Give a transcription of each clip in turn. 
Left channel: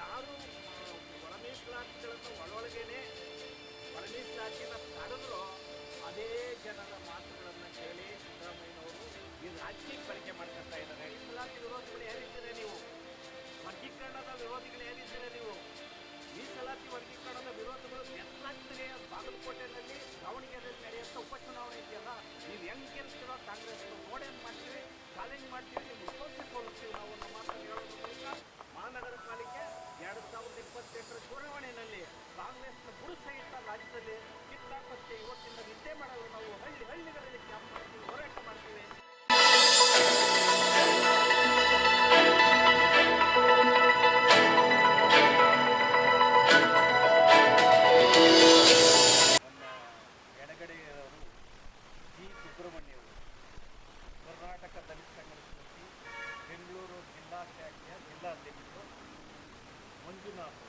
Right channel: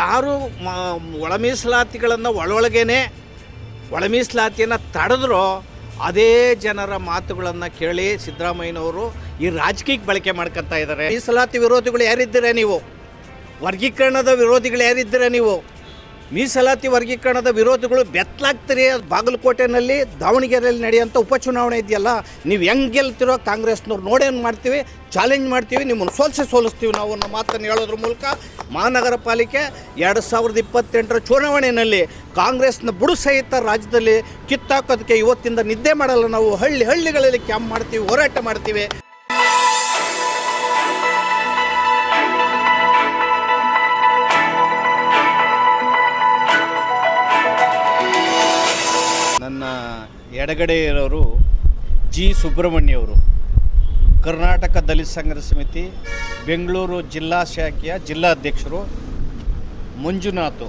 ಯಾರು ಒಳ ಮೀಸಲಾತಿಗಳನ್ನು ಒಳಗೇನೆ ಒಳ ಮೀಸಲಾತಿಯನ್ನು ತಡೆದ್ರೋ ಅದೇ ಜನರ ಮಾತುಗಳನ್ನು ಕೇಳಿ ಸಿದ್ದರಾಮಯ್ಯನವರು ಈ ರಾಜಕೀಯಕ್ಕೆ ಬಳಕೆ ಮಾಡ್ಕೊತಾ ಇದ್ದಾರೆ. ಮೀಸಲಾತಿ ವಿರೋಧಿಗಳು ಯಾರಿದ್ದೀರಾ ನೀವು? ವರ್ಗೀಕರಣದ ವಿರೋಧಿಗಳು ಯಾರಿದ್ದೀರಾ ನೀವು? ಮೀಸಲಾತಿ ವರ್ಗೀಕರಣದ ವಿರೋಧಿಗಳು ಬೆತ್ತಲಾಗ್ತೀರಿ. ಬಾಗಲಕೋಟೆನಲ್ಲಿ ದಾವಣಗೆರೆಯಲ್ಲಿ ನಡೆಯುವಂಥ ಉಪಚುನಾವಣೆ ಇದೆಯಲ್ಲ, ನೀವು ಹೆಂಗೆ ಗೆಲ್ತಿರೋ ಕಾಂಗ್ರೆಸ್ನವ್ರು ನೋಡೇನು ಮಾಡ್ತೀವಿ, ಚಾಲೆಂಜ್ ಮಾಡ್ತೀವಿ, ನಿಮ್ಮನ್ನು ಸೋಲಿಸ್ತೀವಿ ನಾವು ಅನ್ನೋ ಮಾತನ್ನು ಹೇಳೋದ್ರ ಮೂಲಕ ಮಹಾನಗರ ಪಾಲಿಕೆ 2028 ಚುನಾವಣೆಯಲ್ಲಿ ಕಾಂಗ್ರೆಸ್ನ ಬುಡು ಸಹಿತ ರಾಜ್ಯದಲ್ಲಿ ಕಿತ್ತಾಕೋದಕ್ಕೆ ಇವತ್ತಿಂದ ನಿದ್ದೆ ಮಾಡಲ್ಲ. ನಾವು ಹಳ್ಳಿಗಳಲ್ಲಿ ಕ್ಯಾಂಪ್ ಮಾಡ್ತೀವಿ, ಹೋರಾಟ ಮಾಡ್ತೀವಿ. ನನ್ನ ಎಡಗಡೆ ಇರೋರು ಜಿ ಸುಬ್ರಹ್ಮಣ್ಯವರು, ಕರ್ನಾಟಕ ದಲಿತ ಸಂಘರ್ಷ ಸಮಿತಿ ಬೆಂಗಳೂರು ಜಿಲ್ಲಾ ಶಾಖೆಯ ಜಿಲ್ಲಾಧ್ಯಕ್ಷರು. ಮಂಜುನಾಥ್,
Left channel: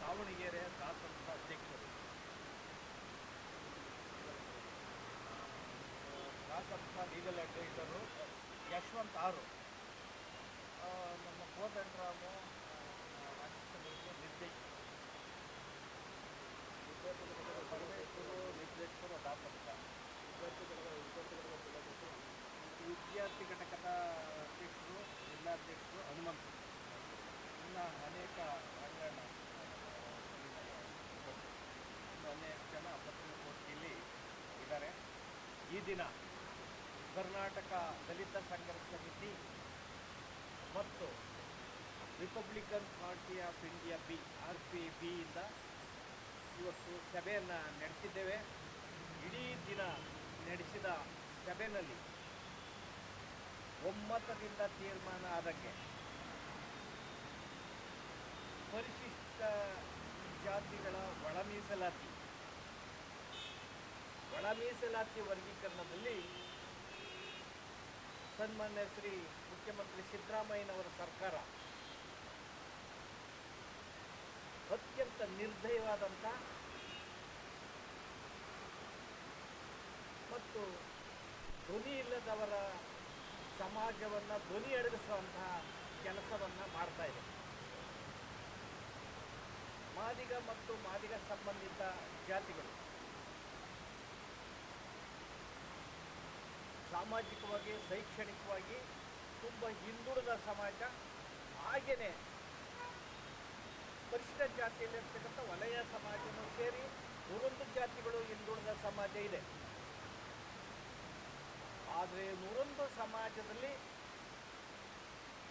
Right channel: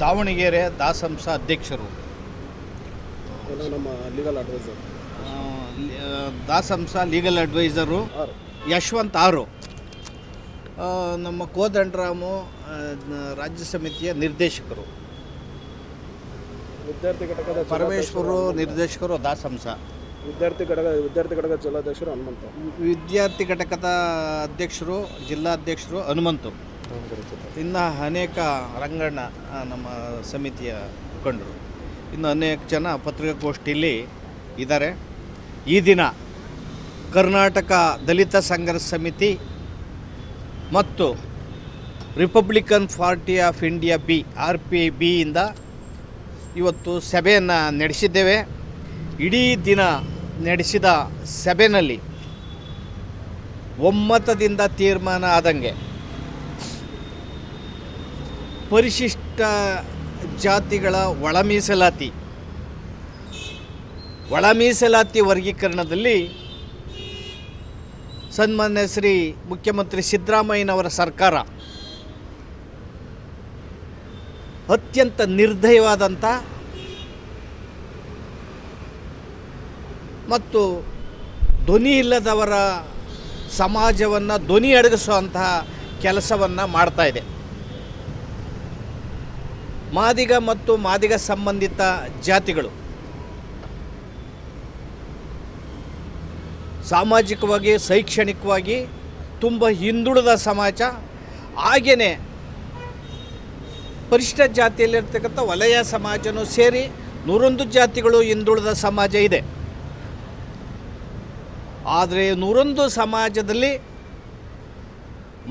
ದಾವಣಗೆರೆ ದಾಸಂಸ ಅಧ್ಯಕ್ಷರು. ನಮ್ಮ ಲೀಗಲ್ ಅಡ್ವೈಸರ್ ದಾಸಂಸ ಲೀಗಲ್ ಅಡ್ವೈಸರು ಯಶವಂತ್ ಆರು. ನಮ್ಮ ಕೋದಂಡರಾಮು ರಾಜ್ಯ ಸಮಿತಿಯ ನಿರ್ದೇಶಕರು. ವಿದ್ಯಾರ್ಥಿ ಘಟಕದ ಪರಮೇಶ್ವರು ನಿರ್ದೇಶಕರು ದಾಸಂಸ. ವಿದ್ಯಾರ್ಥಿ ಘಟಕದ ಜಿಲ್ಲಾಧ್ಯಕ್ಷರು ಹನುಮಂತ. ವಿದ್ಯಾರ್ಥಿ ಘಟಕದ ಅಧ್ಯಕ್ಷರು ಜಿಲ್ಲಾಧ್ಯಕ್ಷರು ಹನುಮಂತು. ಇನ್ನು ಅನೇಕ ರಂಗಣ್ಣ ನಮ್ಮ ಸಮಿತಿಯ ಮುಖಂಡರು, ಇನ್ನು ಅನೇಕ ಜನ ಪತ್ರಿಕಾಗೋಷ್ಠಿಯಲ್ಲಿ ಇದ್ದಾರೆ. ಈ ದಿನ ಕರ್ನಾಟಕ ದಲಿತ ಸಂಘರ್ಷ ಸಮಿತಿ ಮತ್ತು Republican party of India RPB ಇಂದ ಇವತ್ತು ಸಭೆಯನ್ನು ನಡೆಸಿದ್ದೇವೆ. ಇಡೀ ದಿನ ನಡೆಸಿದ ಸಭೆಯಲ್ಲಿ ಒಮ್ಮತದಿಂದ ತೀರ್ಮಾನ ಆದಂಗೆ ಪರಿಶಿಷ್ಟ ಜಾತಿಗಳ ಒಳ ಮೀಸಲಾತಿ ವರ್ಗೀಕರಣದಲ್ಲಿ ಸನ್ಮಾನ್ಯ ಶ್ರೀ ಮುಖ್ಯಮಂತ್ರಿ ಸಿದ್ದರಾಮಯ್ಯನವರ ಸರ್ಕಾರ ಅತ್ಯಂತ ನಿರ್ದಯವಾದಂಥ ಮತ್ತು ಧ್ವನಿ ಇಲ್ಲದವರ ಸಮಾಜವನ್ನು ಧ್ವನಿ ಅಡಗಿಸುವಂತಹ ಕೆಲಸವನ್ನು ಮಾಡ್ತಾ ಇದೆ. ಮಾದಿಗ ಮತ್ತು ಮಾದಿಗ ಸಂಬಂಧಿತ ಜಾತಿಗಳು ಸಾಮಾಜಿಕವಾಗಿ ಶೈಕ್ಷಣಿಕವಾಗಿ ತುಂಬ ಹಿಂದುಳಿದ ಸಮಾಜ. ಹಾಗೆಯೇ ಪರಿಶಿಷ್ಟ ಜಾತಿಯಲ್ಲಿರ್ತಕ್ಕಂಥ ವಲಯ ಸಮಾಜನೂ ಸೇರಿ 101 ಜಾತಿಗಳು ಹಿಂದುಳಿದ ಸಮಾಜ ಇದೆ. ಆದರೆ 101 ಸಮಾಜದಲ್ಲಿ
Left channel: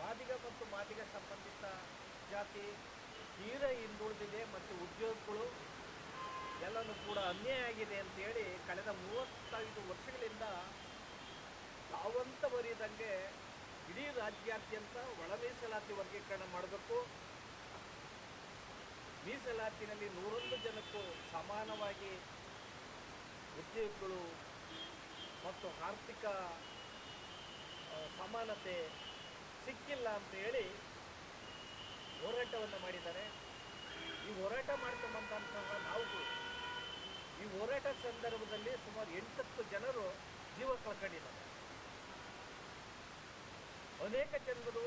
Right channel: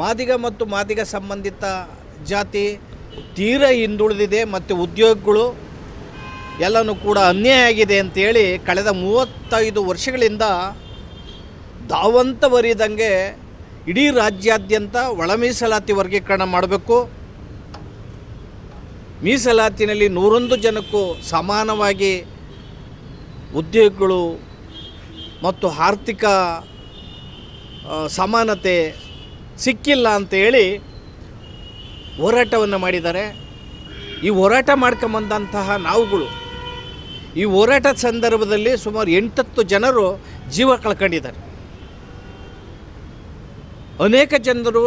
ಮಾದಿಗ ಮತ್ತು ಮಾದಿಗ ಸಂಬಂಧಿತ ಜಾತಿ ತೀರ ಹಿಂದುಳಿದಿದೆ ಮತ್ತು ಉದ್ಯೋಗಗಳು ಎಲ್ಲನೂ ಕೂಡ ಅನ್ಯಾಯ ಆಗಿದೆ ಅಂತೇಳಿ ಕಳೆದ 35 ವರ್ಷಗಳಿಂದ ಧಾವಂತವರಿದಂಗೆ ಇಡೀ ರಾಜ್ಯಾದ್ಯಂತ ಒಳ ಮೀಸಲಾತಿ ವರ್ಗೀಕರಣ ಮಾಡಬೇಕು, ಮೀಸಲಾತಿನಲ್ಲಿ 101 ಜನಕ್ಕೂ ಸಮಾನವಾಗಿ ಉದ್ಯೋಗಗಳು ಮತ್ತು ಆರ್ಥಿಕ ಸಮಾನತೆ ಸಿಕ್ಕಿಲ್ಲ ಅಂತೇಳಿ ಹೋರಾಟವನ್ನು ಮಾಡಿದ್ದಾರೆ. ಈ ಹೋರಾಟ ಮಾಡ್ಕೊಂಬಂದಂತಹ ನಾವುಗಳು ಈ ಹೋರಾಟದ ಸಂದರ್ಭದಲ್ಲಿ ಸುಮಾರು 8-10 ಜನರು ಜೀವ ಕಳ್ಕೊಂಡಿದ್ದಾರೆ. ಅನೇಕ ಜನರು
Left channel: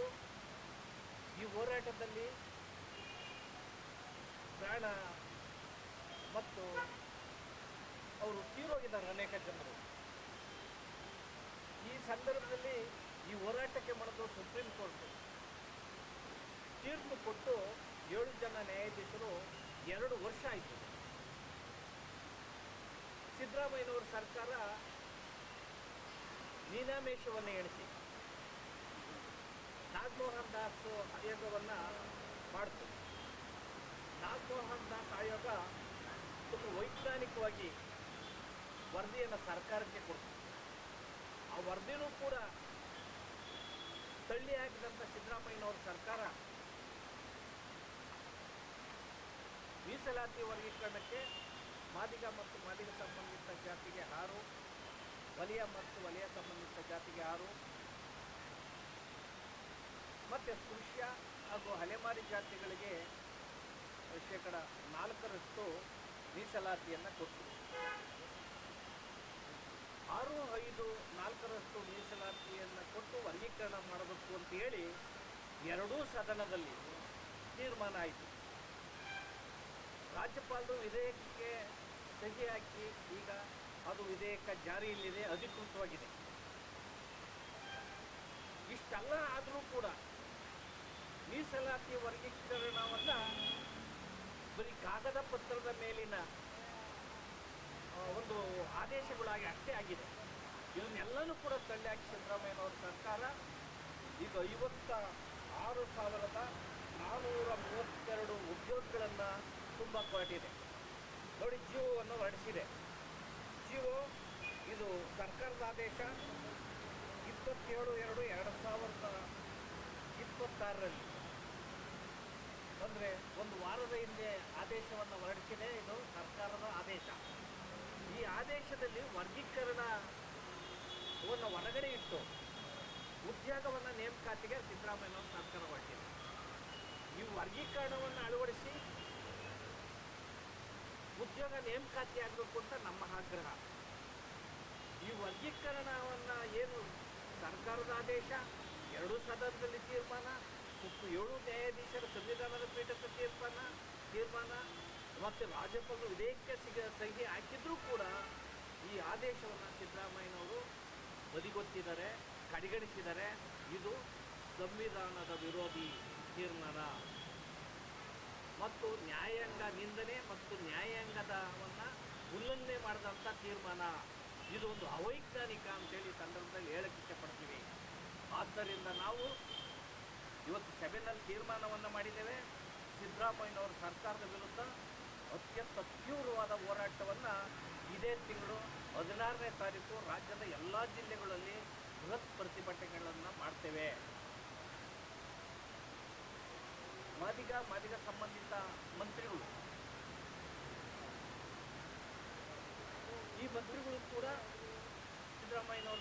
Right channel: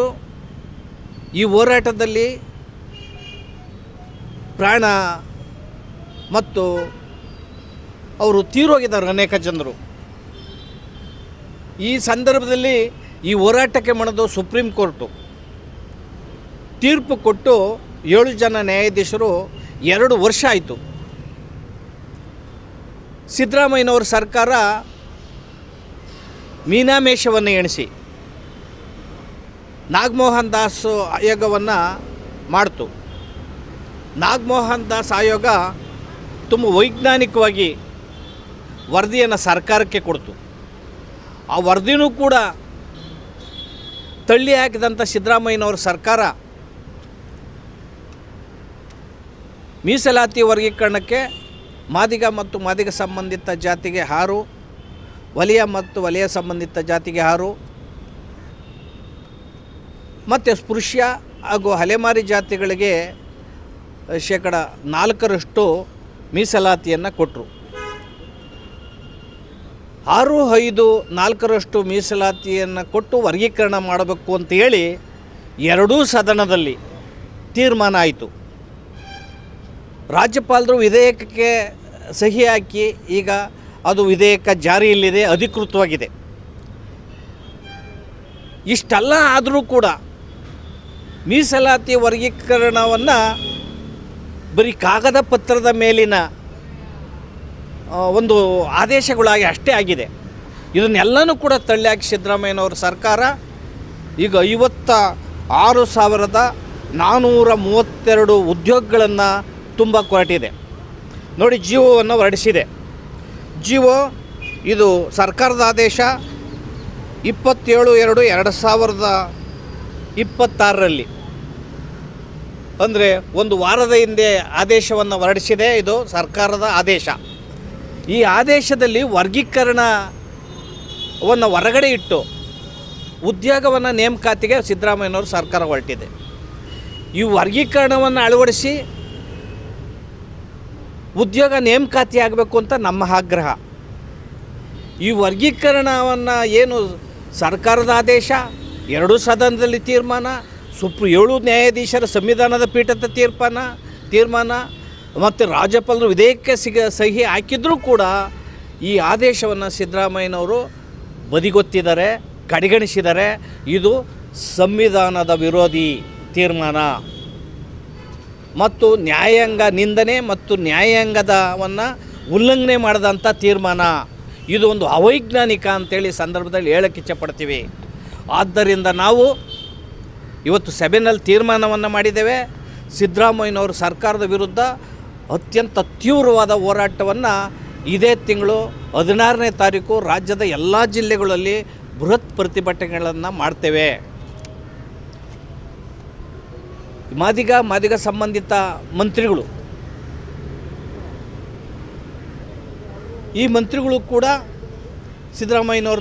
ಈ ಹೋರಾಟದಲ್ಲಿ ಪ್ರಾಣ ಮತ್ತು ಅವರು ತೀರೋಗಿದ್ದಾರೆ ಅನೇಕ ಜನರು. ಈ ಸಂದರ್ಭದಲ್ಲಿ ಈ ಹೋರಾಟಕ್ಕೆ ಮಣಿದು ಸುಪ್ರೀಂ ಕೋರ್ಟು ತೀರ್ಪು ಕೊಟ್ಟು 7 ಜನ ನ್ಯಾಯಾಧೀಶರು 2 ವರ್ಷ ಆಯಿತು. ಸಿದ್ದರಾಮಯ್ಯನವರ ಸರ್ಕಾರ ಮೀನಾಮೇಷವನ್ನು ಎಣಿಸಿ ನಾಗಮೋಹನ್ ದಾಸ್ ಆಯೋಗವನ್ನು ಮಾಡ್ತು. ನಾಗಮೋಹನ್ ದಾಸ್ ಆಯೋಗ ತುಂಬ ವೈಜ್ಞಾನಿಕವಾಗಿ ವರದಿಯನ್ನು ಸರ್ಕಾರಕ್ಕೆ ಕೊಡ್ತು. ಆ ವರದಿನೂ ಕೂಡ ತಳ್ಳಿ ಹಾಕಿದಂಥ ಸಿದ್ದರಾಮಯ್ಯನವರ ಸರ್ಕಾರ ಮೀಸಲಾತಿ ವರ್ಗೀಕರಣಕ್ಕೆ ಮಾದಿಗ ಮತ್ತು ಮಾದಿಗ ಸಂಬಂಧಿತ ಜಾತಿಗೆ 6, ವಲಯ ಮತ್ತು ವಲಯ ಸಂಬಂಧಿತ ಜಾತಿಗೆ 6 ಮತ್ತು ಸ್ಪೃಶ್ಯ ಹಾಗೂ ಅಲೆಮಾರಿ ಜಾತಿಗಳಿಗೆ 4% ಮೀಸಲಾತಿಯನ್ನು ಕೊಟ್ಟರು. 6, 5, 4% ಮೀಸಲಾತಿಯನ್ನು ಕೊಟ್ಟು ವರ್ಗೀಕರಣ ಮಾಡಬೇಕು ಅಂತ ಹೇಳಿ ಎರಡೂ ಸದನದಲ್ಲಿ ತೀರ್ಮಾನ ಆಯಿತು. ರಾಜ್ಯಪಾಲರು ವಿಧೇಯಕಕ್ಕೆ ಸಹಿ ಹಾಕಿ ಈಗ ಅದು ವಿಧೇಯಕ ಜಾರಿಯಲ್ಲಿದೆ, ಅಧಿಕೃತವಾಗಿದೆ. ಇಷ್ಟೆಲ್ಲ ಆದರೂ ಕೂಡ ಮೀಸಲಾತಿ ವರ್ಗೀಕರಣವನ್ನು ಬರೀ ಕಾಗದ ಪತ್ರದ ಮೇಲಿನ ಒಂದು ಆದೇಶಗಳಾಗಿ ಅಷ್ಟೇ ಆಗಿದೆ. ಇದನ್ನೆಲ್ಲನೂ ಕೂಡ ತಳ್ಳಿಹಾಕಿ ಸಿದ್ದರಾಮಯ್ಯನವರ ಸರ್ಕಾರ ಈಗ 56,432 ಉದ್ಯೋಗಗಳನ್ನು ತುಂಬ ಹೊರಟಿದೆ. ನೋಡಿ, ಜಿಒವನ್ನು ಹೊರಡಿಸಿದೆ. ಜಿಒ ಇದು ಸರ್ಕಾರದ ಆದೇಶ 27/2/2026 ಅಂದರೆ ಒಂದು ವಾರದ ಹಿಂದೆ ಆದೇಶವನ್ನು ಹೊರಡಿಸಿದೆ. ಇದು ಸರ್ಕಾರದ ಆದೇಶ. ಈ ಆದೇಶದಲ್ಲಿ ವರ್ಗೀಕರಣವನ್ನು ಹೊರಗಡೆ ಇಟ್ಟು ಉದ್ಯೋಗವನ್ನು ನೇಮಕಾತಿಗೆ ಸಿದ್ದರಾಮಯ್ಯನವರು ಸರ್ಕಾರ ಹೊರಟಿದೆ. ಈ ವರ್ಗೀಕರಣವನ್ನು ಅಳವಡಿಸಿ ಉದ್ಯೋಗ ನೇಮಕಾತಿ ಆಗಬೇಕು ಅಂತ ನಮ್ಮ ಆಗ್ರಹ. ಈ ವರ್ಗೀಕರಣವನ್ನು ಏನು ಸರ್ಕಾರದ ಆದೇಶ, 2 ಸದನದಲ್ಲಿ ತೀರ್ಮಾನ, 7 ನ್ಯಾಯಾಧೀಶರ ಸಂವಿಧಾನದ ಪೀಠದ ತೀರ್ಮಾನ ಮತ್ತು ರಾಜ್ಯಪಾಲರು ವಿಧೇಯಕಕ್ಕೆ ಸಹಿ ಹಾಕಿದರೂ ಕೂಡ ಈ ಆದೇಶವನ್ನು ಸಿದ್ದರಾಮಯ್ಯನವರು ಬದಿಗೊತ್ತಿದ್ದಾರೆ, ಕಡೆಗಣಿಸಿದ್ದಾರೆ. ಇದು ಸಂವಿಧಾನದ ವಿರೋಧಿ ತೀರ್ಮಾನ ಮತ್ತು ನ್ಯಾಯಾಂಗ ನಿಂದನೆ ಮತ್ತು ನ್ಯಾಯಾಂಗದವನ್ನು ಉಲ್ಲಂಘನೆ ಮಾಡಿದಂಥ ತೀರ್ಮಾನ. ಇದು ಒಂದು ಅವೈಜ್ಞಾನಿಕ ಅಂತೇಳಿ ಸಂದರ್ಭದಲ್ಲಿ ಹೇಳಕ್ಕೆ ಇಚ್ಛಪಡ್ತೀವಿ. ಆದ್ದರಿಂದ ನಾವು ಇವತ್ತು ಸಭೆಯಲ್ಲಿ ತೀರ್ಮಾನವನ್ನು ಮಾಡಿದ್ದೇವೆ. ಸಿದ್ದರಾಮಯ್ಯನವರು ಸರ್ಕಾರದ ವಿರುದ್ಧ ಅತ್ಯಂತ ತೀವ್ರವಾದ ಹೋರಾಟವನ್ನು ಇದೇ ತಿಂಗಳು 16ನೇ ತಾರೀಕು ರಾಜ್ಯದ ಎಲ್ಲ ಜಿಲ್ಲೆಗಳಲ್ಲಿ ಬೃಹತ್ ಪ್ರತಿಭಟನೆಗಳನ್ನು ಮಾಡ್ತೇವೆ. ಮಾದಿಗ ಸಂಬಂಧಿತ ಮಂತ್ರಿಗಳು, ಈ ಮಂತ್ರಿಗಳು ಕೂಡ ಸಿದ್ದರಾಮಯ್ಯನವ್ರ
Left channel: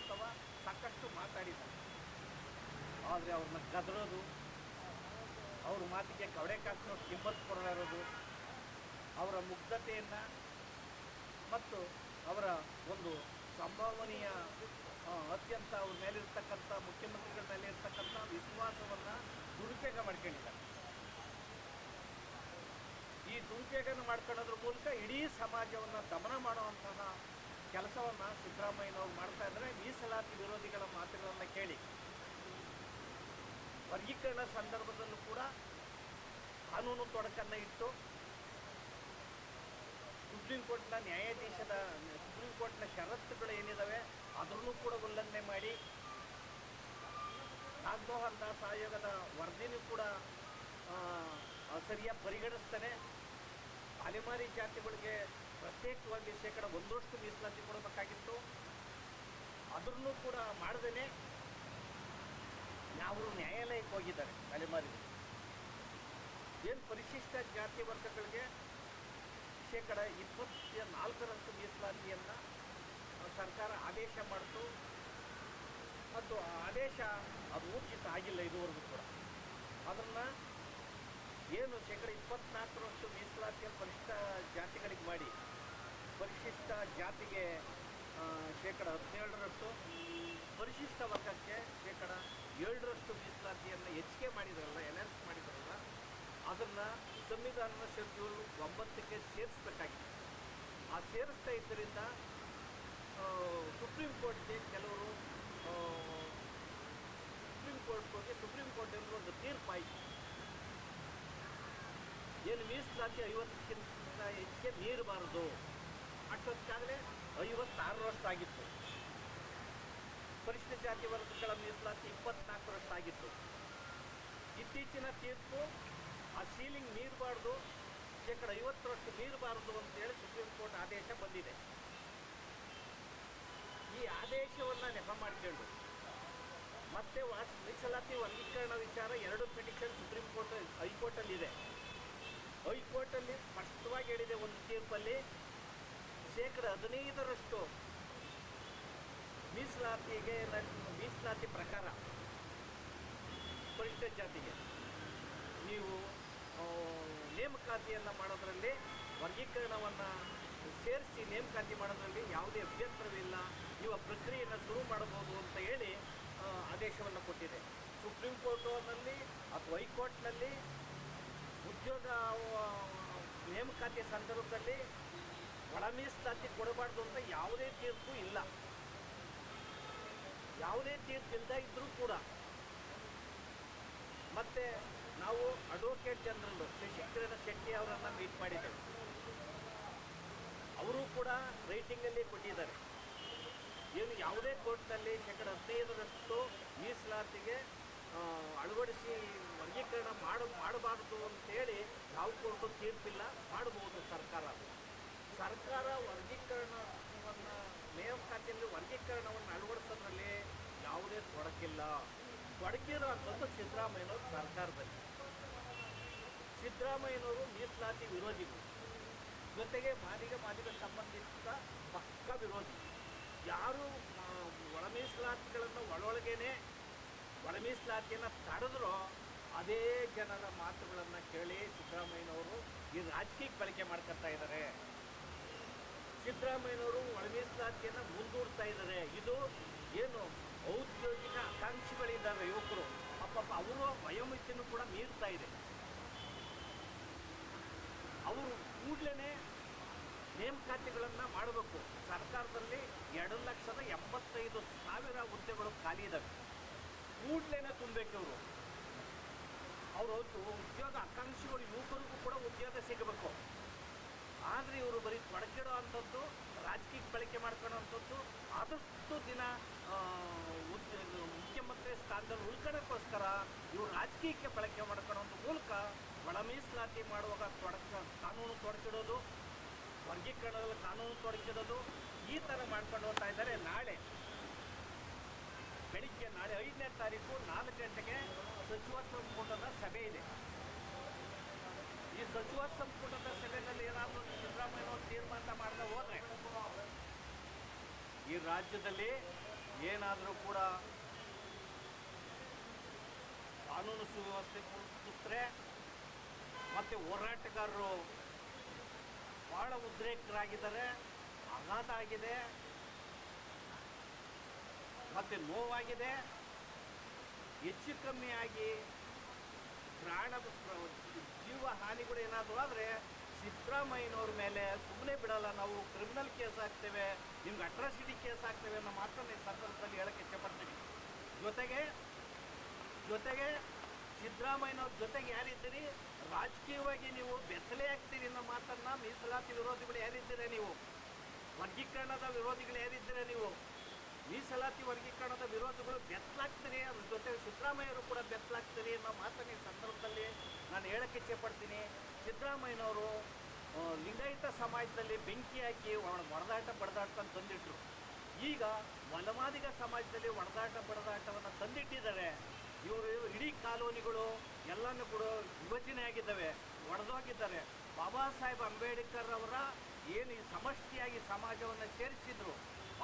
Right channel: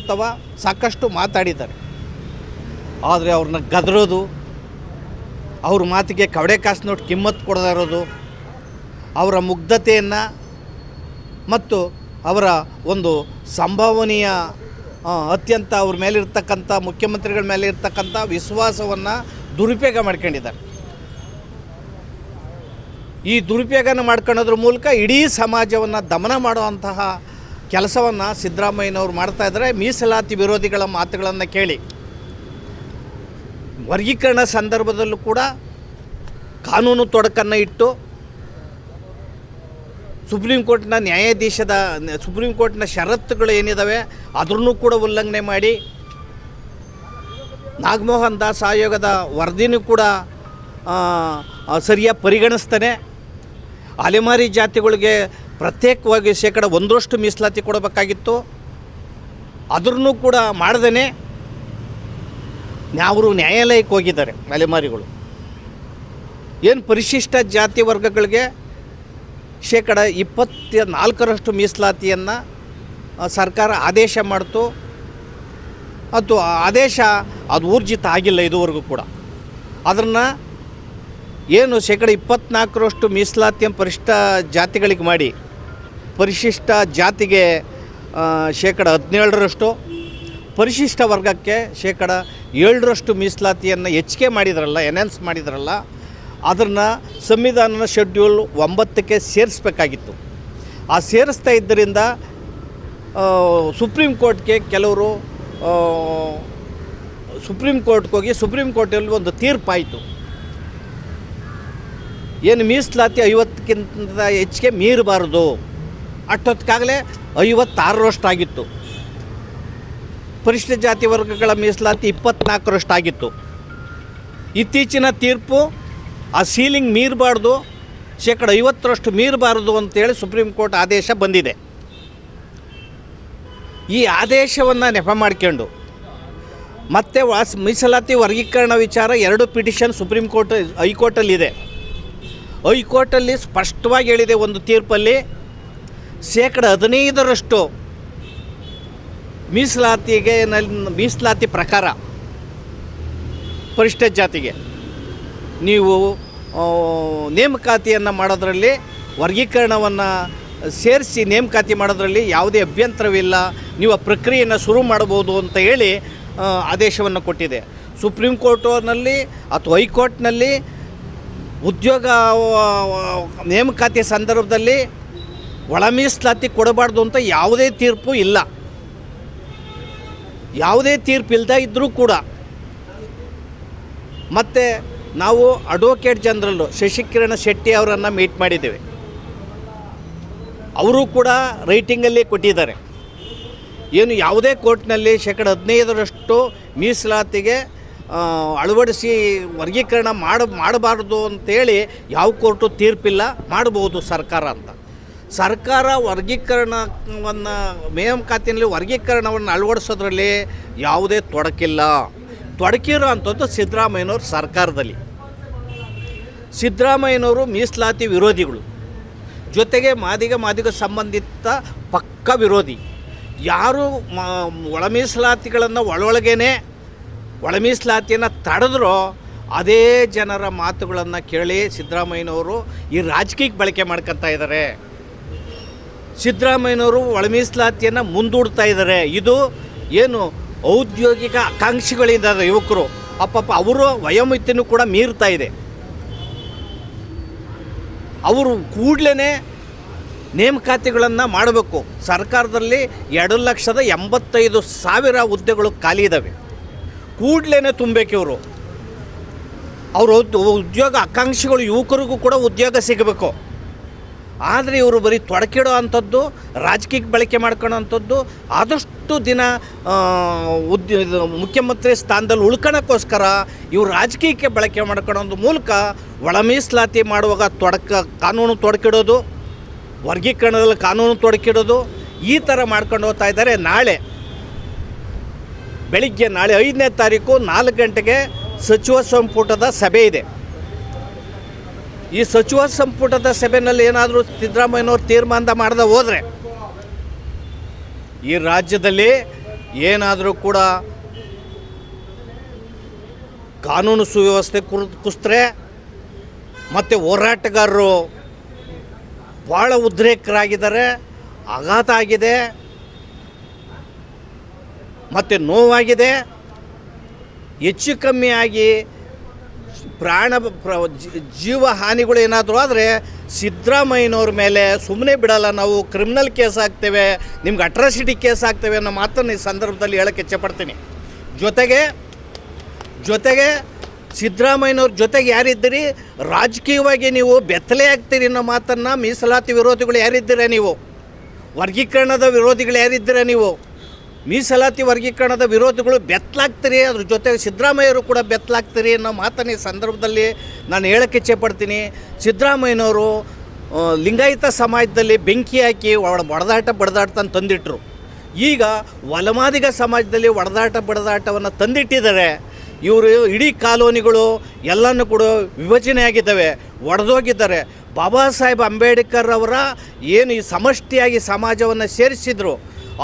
ಸಾಕಷ್ಟು ಮಾತಾಡಿದ್ದಾರೆ. ಆದರೆ ಅವ್ರನ್ನ ಗದರೋದು, ಅವ್ರ ಮಾತಿಗೆ ಕವಡೆ ಕಾಸು ನೋಟ್ ಕಿಮ್ಮತ್ತು ಕೊಡದೇ ಇರೋದು, ಅವರ ಮುಗ್ಧತೆಯನ್ನು ಮತ್ತು ಅವರ ಒಂದು ಸಂಭಾವನೀಯ ಅತ್ಯಂತ ಅವ್ರ ಮೇಲಿರ್ತಕ್ಕಂಥ ಮುಖ್ಯಮಂತ್ರಿಗಳ ಮೇಲೆ ಇರ್ತಕ್ಕಂಥ ವಿಶ್ವಾಸವನ್ನು ದುರುಪಯೋಗ ಮಾಡ್ಕೊಂಡಿದ್ದಾರೆ. ಈ ದುರುಪಯೋಗನ ಮಾಡ್ಕೊಳ್ಳೋದ್ರ ಮೂಲಕ ಇಡೀ ಸಮಾಜವನ್ನು ದಮನ ಮಾಡುವಂತಹ ಕೆಲಸವನ್ನು ಸಿದ್ದರಾಮಯ್ಯನವರು ಮಾಡ್ತಾಯಿದ್ದಾರೆ. ಮೀಸಲಾತಿ ವಿರೋಧಿಗಳ ಮಾತುಗಳನ್ನು ಕೇಳಿ ವರ್ಗೀಕರಣ ಸಂದರ್ಭದಲ್ಲೂ ಕೂಡ ಕಾನೂನು ತೊಡಕನ್ನು ಇಟ್ಟು ಸುಪ್ರೀಂ ಕೋರ್ಟ್ನ ಷರತ್ತುಗಳು ಏನಿದ್ದಾವೆ ಅದನ್ನು ಕೂಡ ಉಲ್ಲಂಘನೆ ಮಾಡಿ ನಾಗಮೋಹನ್ ದಾಸ್ ಆಯೋಗದ ವರದಿನೂ ಕೂಡ ಸರಿಯಾಗಿ ಪರಿಗಣಿಸ್ತಾನೆ. ಅಲೆಮಾರಿ ಜಾತಿಗಳಿಗೆ ಪ್ರತ್ಯೇಕವಾಗಿ 1% ಮೀಸಲಾತಿ ಕೊಡಬೇಕಾಗಿತ್ತು, ಅದನ್ನು ಕೂಡ ಮಾಡ್ದೇ ಅವರು ನ್ಯಾಯಾಲಯಕ್ಕೆ ಹೋಗಿದ್ದಾರೆ. ಅಲೆಮಾರಿಗಳು ಏನು ಪರಿಶಿಷ್ಟ ಜಾತಿ ವರ್ಗಗಳಿಗೆ 24% ಮೀಸಲಾತಿಯನ್ನು ಸರ್ಕಾರ ಆದೇಶ ಮಾಡ್ತು. ಅದು ಆದೇಶ ಅದು ಊರ್ಜಿತ ಆಗಿಲ್ಲ ಇದುವರೆಗೂ ಕೂಡ. ಅದನ್ನು ಏನು 24% ಮೀಸಲಾತಿಯನ್ನು ಪರಿಶಿಷ್ಟ ಜಾತಿಗಳಿಗೆ ಮಾಡಿ ಪರಿಶಿಷ್ಟ ಜಾತಿಗೆ 17%, ಪರಿಶಿಷ್ಟ ವರ್ಗಕ್ಕೆ 7% ಮೀಸಲಾತಿಯನ್ನು ಹೆಚ್ಚಿಗೆ ಮಾಡಿದ್ರಲ್ಲ, ಎನ್ಹಾನ್ಸ್ ಮಾಡಿದ್ರಲ್ಲ, ಅದನ್ನು ಸಂವಿಧಾನದ ಶೆಡ್ಯೂಲ್ 9ಕ್ಕೆ ಸೇರಿಸಬೇಕಾಗಿತ್ತು. ಆ ಸೇರಿಸ್ತಾ ಇದ್ದರಿಂದ ಸುಪ್ರೀಂ ಕೋರ್ಟ್ಗೆ ಕೆಲವರು ಸುಪ್ರೀಂ ಕೋರ್ಟ್ಗೆ ಹೋಗಿ ಸುಪ್ರೀಂ ಕೋರ್ಟಲ್ಲಿ ಒಂದು ತೀರ್ಪಾಯಿತು. ಏನು ಮೀಸಲಾತಿ 50ಕ್ಕಿಂತ ಹೆಚ್ಚಿಗೆ ಮೀರಬಾರ್ದು. ಅಷ್ಟೊತ್ತಿಗಾಗಲೇ 56% ಆಗಿತ್ತು. ಪರಿಶಿಷ್ಟ ಜಾತಿ ವರ್ಗಗಳ ಮೀಸಲಾತಿ 24% ಆಗಿತ್ತು. ಇತ್ತೀಚಿನ ತೀರ್ಪು ಆ ಸೀಲಿಂಗ್ ಮೀರಬಾರ್ದು, 50% ಮೀರಬಾರ್ದು ಅಂತೇಳಿ ಸುಪ್ರೀಂ ಕೋರ್ಟ್ ಆದೇಶ ಬಂದಿದೆ. ಈ ಆದೇಶವನ್ನು ನೆಪ ಮಾಡ್ಕೊಂಡು ಮತ್ತೆ ಮೀಸಲಾತಿ ವರ್ಗೀಕರಣ ವಿಚಾರ 2 ಪಿಟಿಷನ್ ಸುಪ್ರೀಂ ಕೋರ್ಟ್ ಹೈಕೋರ್ಟಲ್ಲಿದೆ. ಹೈಕೋರ್ಟಲ್ಲಿ ಸ್ಪಷ್ಟವಾಗಿ ಹೇಳಿದೆ ಒಂದು ತೀರ್ಪಲ್ಲಿ 15% ಮೀಸಲಾತಿ ಪ್ರಕಾರ ಪರಿಶಿಷ್ಟ ಜಾತಿಗೆ ನೀವು ನೇಮಕಾತಿಯನ್ನು ಮಾಡೋದರಲ್ಲಿ ವರ್ಗೀಕರಣವನ್ನು ಸೇರಿಸಿ ನೇಮಕಾತಿ ಮಾಡೋದರಲ್ಲಿ ಯಾವುದೇ ಅಭ್ಯಂತರವಿಲ್ಲ, ನೀವು ಆ ಪ್ರಕ್ರಿಯೆಯನ್ನು ಶುರು ಮಾಡ್ಬೋದು ಅಂತ ಹೇಳಿ ಆದೇಶವನ್ನು ಕೊಟ್ಟಿದೆ. ಸುಪ್ರೀಂ ಕೋರ್ಟ್ನಲ್ಲಿ ಅಥವಾ ಹೈಕೋರ್ಟ್ನಲ್ಲಿ ಉದ್ಯೋಗ ನೇಮಕಾತಿ ಸಂದರ್ಭದಲ್ಲಿ ಒಳ ಮೀಸಲಾತಿ ಕೊಡಬಾರ್ದು ಅಂತ ಯಾವುದೇ ತೀರ್ಪು ಇಲ್ಲ. ಯಾವುದೇ ತೀರ್ಪು ಇಲ್ಲದೆ ಇದ್ದರೂ ಕೂಡ ಮತ್ತು ನಾವು ಅಡ್ವೊಕೇಟ್ ಜನರಲ್ಲು ಶಶಿಕಿರಣ ಶೆಟ್ಟಿ ಅವರನ್ನು ಮೀಟ್ ಮಾಡಿದ್ದೇವೆ. ಅವರು ಕೂಡ ರೈಟಿಂಗಲ್ಲಿ ಕೊಟ್ಟಿದ್ದಾರೆ. ಏನು ಯಾವುದೇ ಕೋರ್ಟ್ನಲ್ಲಿ 15% ಮೀಸಲಾತಿಗೆ ಅಳವಡಿಸಿ ವರ್ಗೀಕರಣ ಮಾಡಬಾರ್ದು ಅಂತೇಳಿ ಯಾವ ಕೋರ್ಟು ತೀರ್ಪಿಲ್ಲ. ಮಾಡಬಹುದು ಸರ್ಕಾರ ಅಂತ. ಸರ್ಕಾರ ವರ್ಗೀಕರಣವನ್ನು ನೇಮಕಾತಿಯಲ್ಲಿ ವರ್ಗೀಕರಣವನ್ನು ಅಳವಡಿಸೋದ್ರಲ್ಲಿ ಯಾವುದೇ ತೊಡಕಿರೋ ಅಂಥದ್ದು ಸಿದ್ದರಾಮಯ್ಯನವ್ರ ಸರ್ಕಾರದಲ್ಲಿ. ಸಿದ್ದರಾಮಯ್ಯನವರು ಮೀಸಲಾತಿ ವಿರೋಧಿಗಳು, ಜೊತೆಗೆ ಮಾದಿಗ ಸಂಬಂಧಿತ ಪಕ್ಕ ವಿರೋಧಿ. ಯಾರು ಒಳ ಮೀಸಲಾತಿಗಳನ್ನು ಒಳ ಮೀಸಲಾತಿಯನ್ನು ತಡೆದ್ರೋ ಅದೇ ಜನರ ಮಾತುಗಳನ್ನು ಕೇಳಿ ಸಿದ್ದರಾಮಯ್ಯನವರು ಈ ರಾಜಕೀಯಕ್ಕೆ ಬಳಕೆ ಮಾಡ್ಕೊತಾ ಇದ್ದಾರೆ. ಸಿದ್ದರಾಮಯ್ಯನವರು ಒಳ ಮೀಸಲಾತಿಯನ್ನು ಮುಂದೂಡ್ತಾ ಇದ್ದಾರೆ. ಇದು ಏನು ಔದ್ಯೋಗಿಕ ಆಕಾಂಕ್ಷಿಗಳಿದ್ದಾರೆ ಯುವಕರು, ಅಪ್ಪಪ್ಪ ಅವರು ವಯೋಮಿತಿನೂ ಕೂಡ ಮೀರ್ತಾ ಇದೆ. ಅವರು ಕೂಡಲೇ ನೇಮಕಾತಿಗಳನ್ನು ಮಾಡಬೇಕು. ಸರ್ಕಾರದಲ್ಲಿ 2,85,000 ಹುದ್ದೆಗಳು ಖಾಲಿ ಇದ್ದಾವೆ. ಕೂಡಲೇ ತುಂಬಬೇಕು. ಅವರು ಉದ್ಯೋಗ ಆಕಾಂಕ್ಷಿಗಳು ಯುವಕರಿಗೂ ಕೂಡ ಉದ್ಯೋಗ ಸಿಗಬೇಕು. ಆದರೆ ಇವರು ಬರೀ ತೊಡಕಿಡೋ ಅಂಥದ್ದು, ರಾಜಕೀಯಕ್ಕೆ ಬಳಕೆ ಮಾಡ್ಕೊಳ್ಳೋ ಅಂಥದ್ದು, ಆದಷ್ಟು ದಿನ ಮುಖ್ಯಮಂತ್ರಿ ಸ್ಥಾನದಲ್ಲಿ ಉಳ್ಕೊಳ್ಳೋಕ್ಕೋಸ್ಕರ ಇವರು ರಾಜಕೀಯಕ್ಕೆ ಬಳಕೆ ಮಾಡ್ಕೊಳ್ಳೋ ಮೂಲಕ ಒಳ ಮೀಸಲಾತಿ ಮಾಡುವಾಗ ಕಾನೂನು ತೊಡಕಿಡೋದು, ವರ್ಗೀಕರಣದಲ್ಲಿ ಕಾನೂನು ತೊಡಕಿಡೋದು, ಈ ಥರ ಮಾಡ್ಕೊಂಡು ಹೋಗ್ತಾ ಇದ್ದಾರೆ. ನಾಳೆ 5ನೇ ತಾರೀಕು 4 ಗಂಟೆಗೆ ಸಚಿವ ಸಂಪುಟದ ಸಭೆ ಇದೆ. ಈ ಸಚಿವ ಸಂಪುಟದ ಸಭೆಯಲ್ಲಿ ಏನಾದರೂ ಸಿದ್ದರಾಮಯ್ಯನವ್ರು ತೀರ್ಮಾನ ಮಾಡದೆ ಹೋದರೆ ಈ ರಾಜ್ಯದಲ್ಲಿ ಏನಾದರೂ ಕೂಡ ಕಾನೂನು ಸುವ್ಯವಸ್ಥೆ ಕುಸಿದ್ರೆ ಮತ್ತು ಹೋರಾಟಗಾರರು ಭಾಳ ಉದ್ರೇಕರಾಗಿದ್ದಾರೆ. ಆಘಾತ ಆಗಿದೆ ಮತ್ತು ನೋವಾಗಿದೆ. ಹೆಚ್ಚು ಕಮ್ಮಿಯಾಗಿ ಜೀವ ಹಾನಿಗಳು ಏನಾದರೂ ಆದರೆ ಸಿದ್ದರಾಮಯ್ಯನವ್ರ ಮೇಲೆ ಸುಮ್ಮನೆ ಬಿಡಲ್ಲ. ನಾವು ಕ್ರಿಮಿನಲ್ ಕೇಸ್ ಹಾಕ್ತೇವೆ, ನಿಮ್ಗೆ ಅಟ್ರಾಸಿಟಿ ಕೇಸ್ ಹಾಕ್ತೇವೆ ಅನ್ನೋ ಮಾತನ್ನು ಈ ಸಂದರ್ಭದಲ್ಲಿ ಹೇಳೋಕ್ಕೆ ಇಚ್ಛೆಪಡ್ತೀನಿ. ಜೊತೆಗೆ ಸಿದ್ದರಾಮಯ್ಯನವ್ರ ಜೊತೆಗೆ ಯಾರಿದ್ದೀರಿ, ರಾಜಕೀಯವಾಗಿ ನೀವು ಬೆತ್ತಲೆ ಆಗ್ತೀರಿ ಅನ್ನೋ ಮಾತನ್ನು ಮೀಸಲಾತಿ ವಿರೋಧಿಗಳು ಯಾರಿದ್ದೀರ ನೀವು, ವರ್ಗೀಕರಣದ ವಿರೋಧಿಗಳು ಯಾರಿದ್ದೀರ ನೀವು, ಮೀಸಲಾತಿ ವರ್ಗೀಕರಣದ ವಿರೋಧಿಗಳು ಬೆತ್ತಲಾಗ್ತೀರಿ, ಅದ್ರ ಜೊತೆಗೆ ಸಿದ್ದರಾಮಯ್ಯರು ಕೂಡ ಬೆತ್ತಲಾಗ್ತೀರಿ ಅನ್ನೋ ಮಾತನ್ನು ಈ ಸಂದರ್ಭದಲ್ಲಿ ನಾನು ಹೇಳೋಕ್ಕೆ ಇಚ್ಛೆಪಡ್ತೀನಿ. ಸಿದ್ದರಾಮಯ್ಯನವರು ಲಿಂಗಾಯತ ಸಮಾಜದಲ್ಲಿ ಬೆಂಕಿ ಹಾಕಿ ಬಡದಾಟ ತಂದಿಟ್ಟರು. ಈಗ ಒಲಮಾದಿಗ ಸಮಾಜದಲ್ಲಿ ಬಡದಾಟವನ್ನು ತಂದಿಟ್ಟಿದ್ದಾರೆ. ಇವರು ಇಡೀ ಕಾಲೋನಿಗಳು ಎಲ್ಲನೂ ಕೂಡ ವಿಭಜನೆ ಆಗಿದ್ದಾವೆ, ಒಡೆದೋಗಿದ್ದಾರೆ. ಬಾಬಾ ಸಾಹೇಬ್ ಅಂಬೇಡ್ಕರ್ ಅವರ ಏನು ಈ ಸಮಷ್ಟಿಯಾಗಿ ಸಮಾಜವನ್ನು ಸೇರಿಸಿದ್ರು,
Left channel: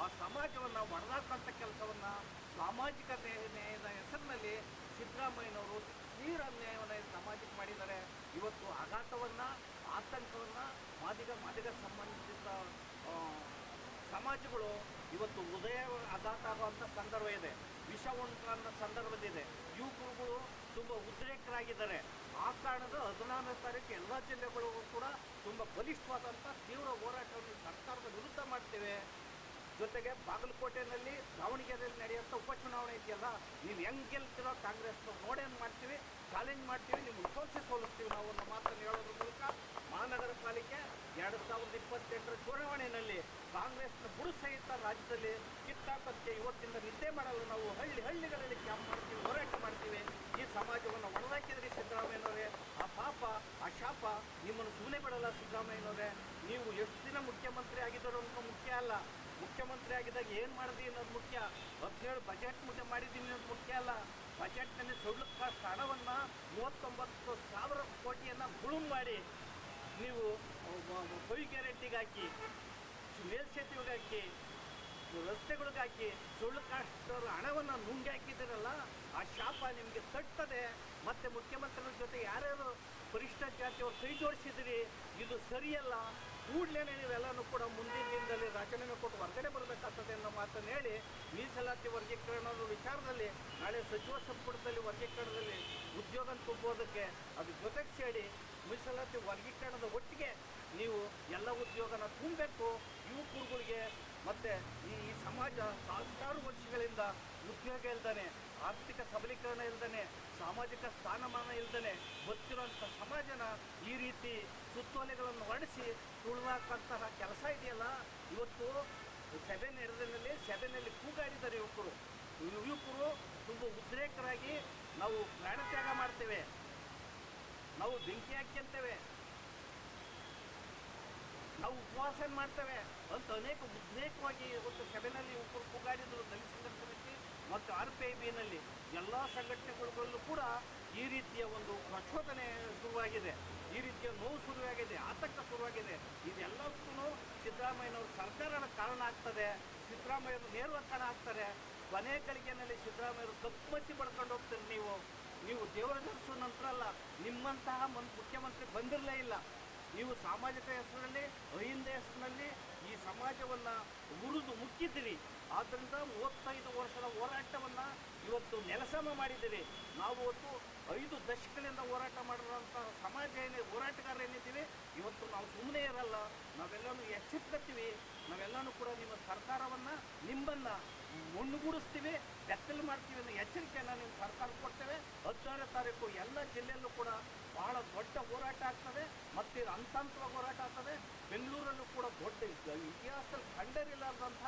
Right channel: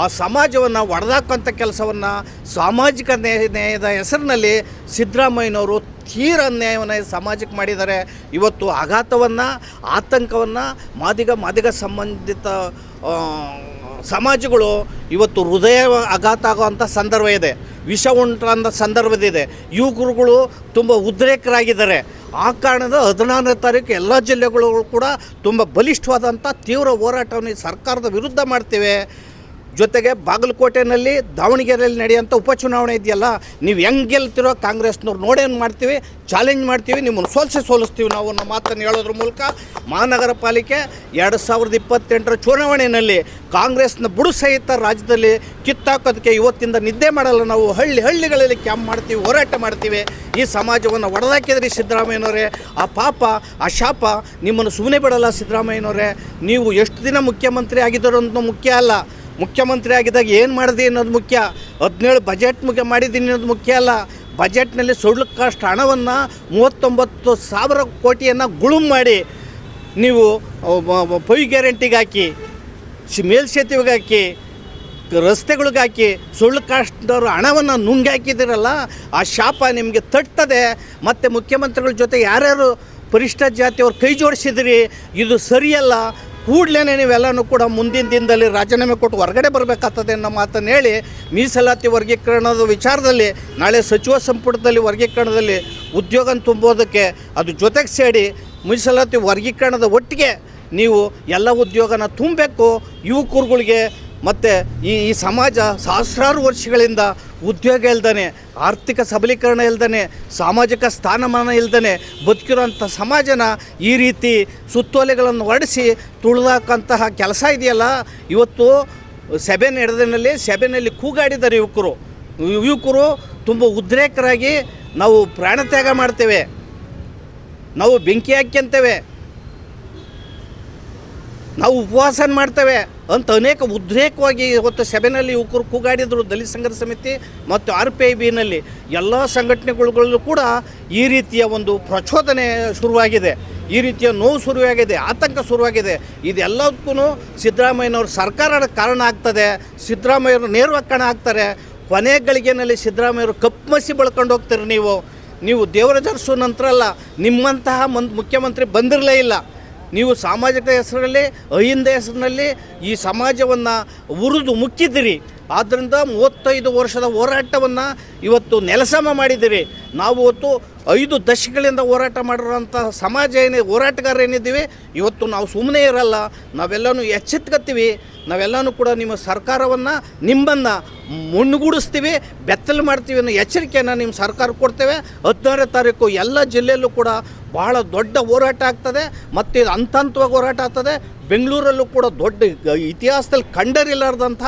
ಆ ಸಮಾಜವನ್ನು ಒಡೆದಾಕುವಂಥ ಕೆಲಸವನ್ನು ಸಾಮಾಜಿಕ ನ್ಯಾಯದ ಹೆಸರಿನಲ್ಲಿ ಸಿದ್ದರಾಮಯ್ಯನವರು ತೀರ ಅನ್ಯಾಯವನ್ನು ಸಮಾಜಕ್ಕೆ ಮಾಡಿದ್ದಾರೆ. ಇವತ್ತು ಆಘಾತವನ್ನು, ಆತಂಕವನ್ನು ಮಾದಿಗ ಸಂಬಂಧಿತ ಸಮಾಜಗಳು ಇವತ್ತು ಹೃದಯ ಆಘಾತ ಆಗುವಂಥ ಸಂದರ್ಭ ಇದೆ, ವಿಷ ಉಂಟಾದ ಸಂದರ್ಭದಿದೆ. ಯುವಕರುಗಳು ತುಂಬ ಉದ್ರೇಕರಾಗಿದ್ದಾರೆ. ಆ ಕಾರಣದ 16ನೇ ತಾರೀಕು ಎಲ್ಲ ಜಿಲ್ಲೆಗಳು ಕೂಡ ತುಂಬ ಬಲಿಷ್ಠವಾದಂಥ ತೀವ್ರ ಹೋರಾಟವನ್ನು ಸರ್ಕಾರದ ವಿರುದ್ಧ ಮಾಡ್ತೇವೆ. ಜೊತೆಗೆ ಬಾಗಲಕೋಟೆಯಲ್ಲಿ, ದಾವಣಗೆರೆಯಲ್ಲಿ ನಡೆಯುವಂಥ ಉಪಚುನಾವಣೆ ಇದೆಯಲ್ಲ, ನೀವು ಹೆಂಗೆ ಗೆಲ್ತಿರೋ ಕಾಂಗ್ರೆಸ್ನವ್ರು ನೋಡೇನು ಮಾಡ್ತೀವಿ, ಚಾಲೆಂಜ್ ಮಾಡ್ತೀವಿ, ನಿಮ್ಮನ್ನು ಸೋಲಿಸ್ತೀವಿ ನಾವು ಅನ್ನೋ ಮಾತನ್ನು ಹೇಳೋದ್ರ ಮೂಲಕ ಮಹಾನಗರ ಪಾಲಿಕೆ 2028ರ ಚುನಾವಣೆಯಲ್ಲಿ ಕಾಂಗ್ರೆಸ್ನ ಬುಡು ಸಹಿತ ರಾಜ್ಯದಲ್ಲಿ ಕಿತ್ತಾಕೋದಕ್ಕೆ ಇವತ್ತಿಂದ ನಿದ್ದೆ ಮಾಡಲ್ಲ. ನಾವು ಹಳ್ಳಿಗಳಲ್ಲಿ ಕ್ಯಾಂಪ್ ಮಾಡ್ತೀವಿ, ಹೋರಾಟ ಮಾಡ್ತೀವಿ. ಈ ಸಮಾಜವನ್ನು ಒಡೆದಾಕಿದ್ರಿ ಸಿದ್ದರಾಮಯ್ಯನವರೇ. ಆ ಪಾಪ, ಆ ಶಾಪ ನಿಮ್ಮನ್ನು ಸುಮ್ಮನೆ ಬಿಡಲ್ಲ ಸಿದ್ದರಾಮಯ್ಯನವರೇ. ನೀವು ಎಷ್ಟು ದಿನ ಮುಖ್ಯಮಂತ್ರಿ ಆಗಿದ್ದರು ಅನ್ನೋದು ಮುಖ್ಯ ಅಲ್ಲ, ಮುಖ್ಯಮಂತ್ರಿ ಆಗಿದ್ದಾಗ ಏನು ಮಾಡಿದೆ ಅನ್ನೋದು ಮುಖ್ಯ. 17 ಬಜೆಟ್ ಮಾಡಿದ್ದೀನಿ ಅನ್ನೋದು ಮುಖ್ಯ ಅಲ್ಲ. ಬಜೆಟ್ನಲ್ಲಿ ಕಾಸ್ಟ್ ಹಣವನ್ನು 39,000 ಕೋಟಿಯನ್ನು ಗುಳುಂ ಮಾಡಿ ನೀವು ಪೈ ಗ್ಯಾರಂಟಿಗೆ ಹಾಕಿ, ಮೇಲ್ಸೇತುವೆಗೆ ಹಾಕಿ, ರಸ್ತೆಗಳಿಗೆ ಹಾಕಿ ಕಾಸ್ಟ್ನವರು ಹಣವನ್ನು ನುಂಗಾಕಿದ್ದೀರಲ್ಲ, ಆ ಶಾಪ ನಿಮಗೆ ತಟ್ಟದೆ. ಮತ್ತು ಮುಖ್ಯಮಂತ್ರಿಗಳ ಜೊತೆ ಯಾರ್ಯಾರು ಪರಿಷ್ಠ ಜಾತಿಯವ್ರು ಕೈ ಜೋಡಿಸಿದಿರಿ, ಇದು ಸರಿಯಲ್ಲ. ಕೂಡಲೇ ನೀವೆಲ್ಲನೂ ಕೂಡ ಮುಂದಿನ ದಿನದಲ್ಲಿ ರಾಜೀನಾಮೆ ಕೊಟ್ಟು ಹೊರಗಡೆ ಬರಬೇಕಾಗ್ತದೆ ಅನ್ನೋ ಮಾತನ್ನು ಹೇಳಿ, ಮೀಸಲಾತಿ ವರ್ಗೀಕರಣದ ವಿಚಾರದಲ್ಲಿ ನಾಳೆ ಸಚಿವ ಸಂಪುಟದಲ್ಲಿ ವರ್ಗೀಕರಣದಲ್ಲಿ ಉದ್ಯೋಗ ತುಂಬೋದಕ್ಕೆ ಅದು ಜೊತೆಗೆ ಸೇರಿ ಮೀಸಲಾತಿ ವರ್ಗೀಕರಣದ ಒಟ್ಟಿಗೆ ನೀವು ಎಲ್ಲ ಉದ್ಯೋಗನ ತುಂಬಬೇಕು. ಯುವಕರುಗಳಿಗೆ ಮತ್ತು ಈ ಸಮಾಜ ಸಹಸ್ರಾರು ವರ್ಷಗಳಿಂದ ಉದ್ಯೋಗ ಇಲ್ದೇ, ಆರ್ಥಿಕ ಸಬಲೀಕರಣ ಇಲ್ದೇ, ಸಾಮಾಜಿಕ ಸ್ಥಾನಮಾನ ಇಲ್ದೇ ಬದುಕಿರೋಂಥ ಸಮಾಜನ ಈ ರೀತಿ ಸುತ್ತೋಲೆಗಳನ್ನು ಹೊರಡಿಸಿ ತುಳಿದಾಕಂತಹ ಕೆಲಸ ಇದೆಯಲ್ಲ. ಇವತ್ತು ಸಭೆ ಸಭೆಯಲ್ಲಿ ಕೂಗಾಡಿದ್ದಾರೆ ಯುವಕರು ತುಂಬ ಉದ್ರೇಕರಾಗಿ ನಾವು ಪ್ರಾಣತ್ಯಾಗ ಮಾಡ್ತೇವೆ, ನಾವು ಬೆಂಕಿ ಹಾಕ್ಯಂತೇವೆ, ನಾವು ಉಪವಾಸ ಮಾಡ್ತೇವೆ ಅಂತ ಅನೇಕ ಉದ್ರೇಕವಾಗಿ ಇವತ್ತು ಸಭೆಯಲ್ಲಿ ಯುವಕರು ಕೂಗಾಡಿದರು. ದಲಿತ ಸಂಘರ್ಷ ಸಮಿತಿ ಮತ್ತು RPIBನಲ್ಲಿ ಎಲ್ಲ ಸಂಘಟನೆಗಳಲ್ಲೂ ಕೂಡ ಈ ರೀತಿಯ ಒಂದು ಪ್ರಚೋದನೆ ಶುರುವಾಗಿದೆ, ಈ ರೀತಿಯ ನೋವು ಶುರುವಾಗಿದೆ, ಆತಂಕ ಶುರುವಾಗಿದೆ. ಇದೆಲ್ಲದಕ್ಕೂ ಸಿದ್ದರಾಮಯ್ಯನವ್ರ ಸರ್ಕಾರದ ಕಾರಣ ಆಗ್ತದೆ. ಸಿದ್ದರಾಮಯ್ಯವರು ನೇರವಾಗಿ ಕಾರಣ ಆಗ್ತಾರೆ. ಕೊನೆ ಗಳಿಗೆನಲ್ಲಿ ಸಿದ್ದರಾಮಯ್ಯವರು ಕಪ್ಪಮಸಿ ಬೆಳ್ಕೊಂಡು ಹೋಗ್ತೀರಿ. ನೀವು ದೇವರಾಜ ಅರಸು ನಂತರ ಅಲ್ಲ, ನಿಮ್ಮಂತಹ ಮುಖ್ಯಮಂತ್ರಿ ಬಂದಿರಲೇ ಇಲ್ಲ. ನೀವು ಸಾಮಾಜಿಕ ಹೆಸರಲ್ಲಿ ಅಹಿಂದ ಹೆಸರಿನಲ್ಲಿ ಈ ಸಮಾಜವನ್ನು ಉರಿದು ಮುಕ್ಕಿದ್ದೀರಿ. ಆದ್ದರಿಂದ 35 ವರ್ಷದ ಹೋರಾಟವನ್ನು ಇವತ್ತು ನೆಲಸಮ ಮಾಡಿದ್ದೀರಿ. ನಾವು ಇವತ್ತು 5 ದಶಕಗಳಿಂದ ಹೋರಾಟ ಮಾಡಿರೋಂಥ ಸಮಾಜ ಹೋರಾಟಗಾರ ಏನಿದ್ದೀವಿ, ಇವತ್ತು ನಾವು ಸುಮ್ಮನೆ ಇರಲ್ಲ, ನಾವೆಲ್ಲನೂ ಎಚ್ಚೆತ್ಕೊತೀವಿ. ನಾವೆಲ್ಲನೂ ಕೂಡ ನಿಮ್ಮ ಸರ್ಕಾರವನ್ನು ನಿಮ್ಮನ್ನು ಮುನ್ನುಗೂಡಿಸ್ತೀವಿ, ಬೆತ್ತಲು ಮಾಡ್ತೀವಿ ಅನ್ನೋ ಎಚ್ಚರಿಕೆಯನ್ನು ನಿಮ್ಮ ಸರ್ಕಾರ ಕೊಡ್ತೇವೆ. 16ನೇ ತಾರೀಕು ಎಲ್ಲ ಜಿಲ್ಲೆಯಲ್ಲೂ ಕೂಡ ಬಹಳ ದೊಡ್ಡ ಹೋರಾಟ ಆಗ್ತದೆ ಮತ್ತು ಇದು ಹಂತವಾಗಿ ಹೋರಾಟ ಆಗ್ತದೆ. ಬೆಂಗಳೂರಲ್ಲೂ ಕೂಡ ದೊಡ್ಡ ಇತಿಹಾಸದಲ್ಲಿ ಕಂಡರಿಲಾರ್ದಂಥ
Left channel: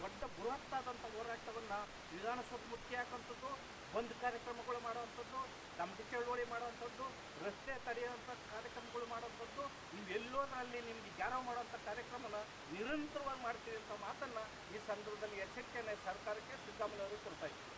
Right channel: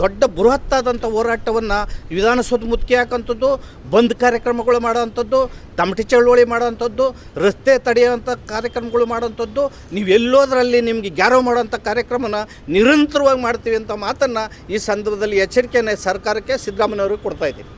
ದೊಡ್ಡ ಬೃಹತ್ತಾದಂಥ ಹೋರಾಟವನ್ನು ವಿಧಾನಸೌಧ ಮುತ್ತಿಗೆ ಹಾಕೋಂಥದ್ದು, ಬಂದ್ ಕಾರ್ಯಕ್ರಮಗಳು ಮಾಡೋವಂಥದ್ದು, ತಮಟಿ ಚಳವಳಿ ಮಾಡೋವಂಥದ್ದು, ರಸ್ತೆ ತಡೆಯುವಂಥ ಕಾರ್ಯಕ್ರಮಗಳು ಮಾಡೋವಂಥದ್ದು, ನೀವು ಎಲ್ಲೋದ್ರಲ್ಲಿ ನಿಮಗೆ ಗ್ಯಾರೋ ಮಾಡೋವಂಥ ಕಾರ್ಯಕ್ರಮನ ನಿರಂತರವಾಗಿ ಮಾಡ್ತೀವಿ ಅಂತ ಮಾತನ್ನು ಈ ಸಂದರ್ಭದಲ್ಲಿ ಎಚ್ಚರಿಕೆಯನ್ನು ಸರ್ಕಾರಕ್ಕೆ ಸಿದ್ದರಾಮಯ್ಯವ್ರಿಗೆ ಕೊಡ್ತಾಯಿದ್ದೀನಿ.